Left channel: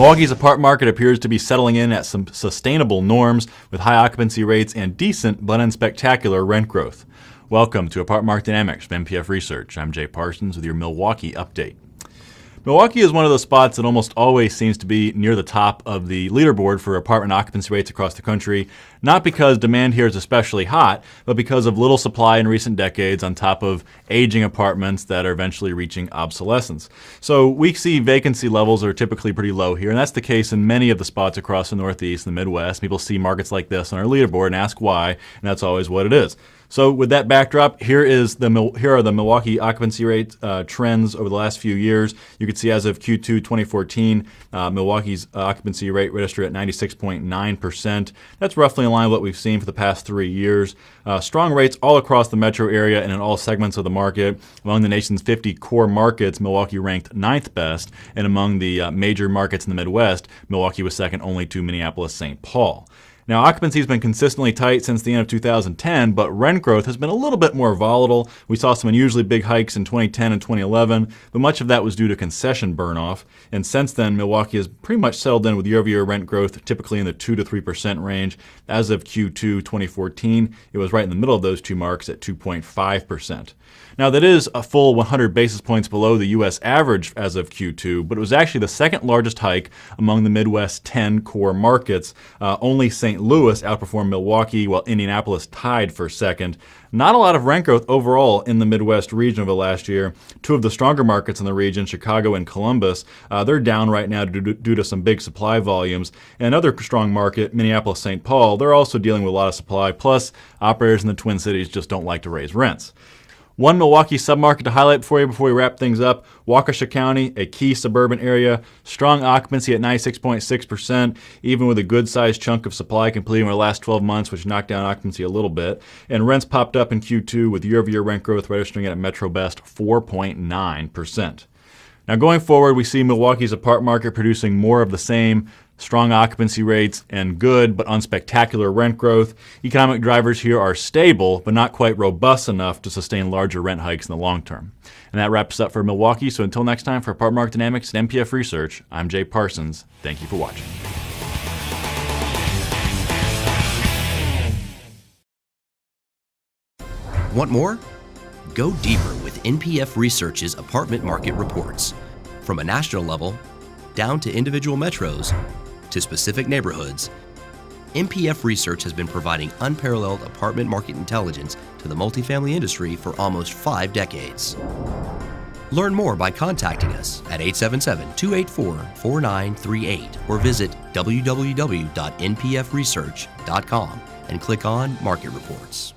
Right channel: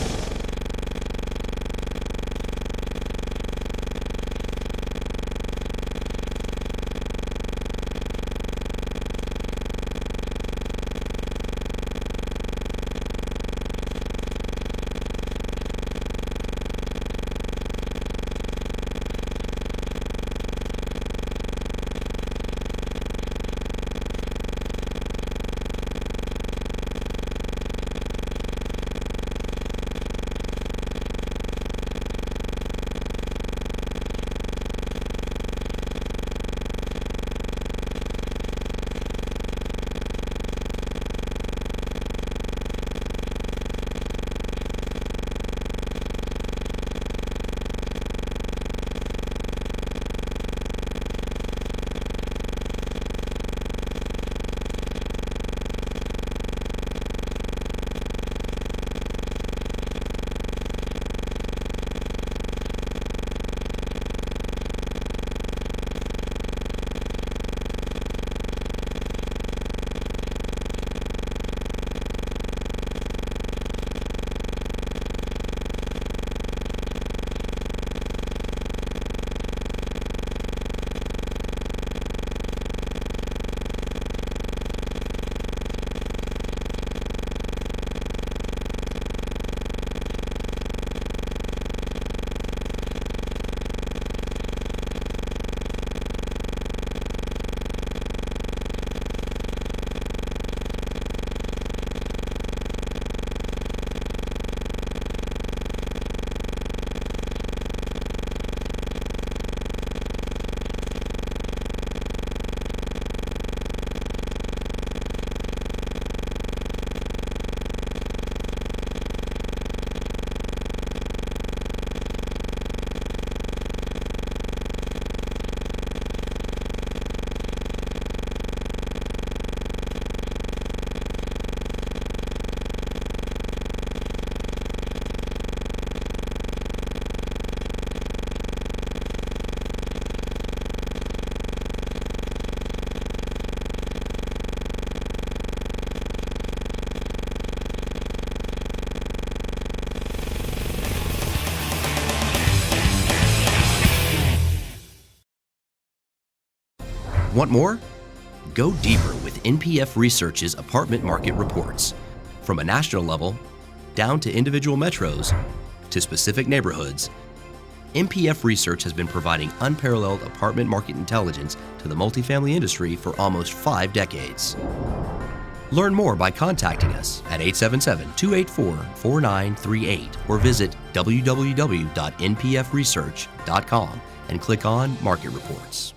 Milwaukee's apartment market appears to be settling in at some sustainable norms with high occupancy rates and decent but unspectacular rent growth. Welcome to Apartment Market Dynamics from MPF Research. I'm Jay Parsons with your Milwaukee update. Milwaukee is one of those spots that almost always seems to be near the top of the leaderboard for apartment occupancy rates across the country, not because demand here is especially hot, but because of little supply in recent decades on top of aging apartments that are eventually reaching obsolescence. So we see vacancy levels are typically pretty low here, and that's the case in many of the spots across the Northeast and the Midwest. People see markets like this on our leaderboard and ask why, and that's always what it is. So with that backdrop, here are the Milwaukee occupancy rate trends over the last few years. You can see as of Q2 2014, Milwaukee's occupancy rate registered at 96.9%. That's roughly in line with what we've seen for the past 3 years. Strong rates all across the metro area and in all segments of the market. Among the nation's 50 core markets, Milwaukee ranked 9th best, and among the major markets in the Midwest, Milwaukee was second only to Minneapolis-St. Paul. Now, occupancy has been consistently tight since the end of 2010, but rent growth has been a little bit more volatile. We saw some unusually big hikes in 2010 and 2011, but much of that was due to concession burn-off. And since then, Milwaukee has pretty much settled in with year-over-year rent growth, typically in the 2 to 3% range. As of Q2 2014, it was right in the middle of those two marks at 2.5%. Now, that is a full 100 basis points below the U.S. average as of Q2, but it was actually the second largest hike among the Midwest 10 core markets. Only St. Louis outperformed Milwaukee, while Indianapolis tied for second. Not a lot of rent growth overall in the Midwest region over the last year. Two of the stronger markets in the region, Chicago and Columbus, they're down right now due to some big supply volumes. And another strong market, Minneapolis-St. Paul, they're also dealing with a lot of supply, plus operators in the Twin Cities just don't like to raise rents. One Milwaukee submarket to highlight for you before we wrap things up, Waukesha County, a key suburban area, strong occupancy at 96.6%, even with a good-sized chunk of supply completing over the last 12 months, which knocked down occupancy a little bit. And rents popped up in Q2 with year-over-year rent growth registering at Metro Best 4.9%. Now going forward, we see Milwaukee's apartment market producing more of the same, strong occupancy rates and good but unspectacular rent growth. Economic drivers here are stable, but not quite robust enough to sustain larger rent hikes in the long term. And that wraps up for Milwaukee. So until next time, for Apartment Market Dynamics and MPF Research, I'm Jay Parsons. Thank you for watching. Want more? Go deeper with NPF Research's apartment market reports. From a national level, down to individual metros, to specific neighborhoods, NPF Research has been providing unparalleled apartment market intelligence to the multifamily industry for almost 5 decades. Learn more by contacting us at 877-284-4938 or visit www.npfresearch.com and click on Market Reports.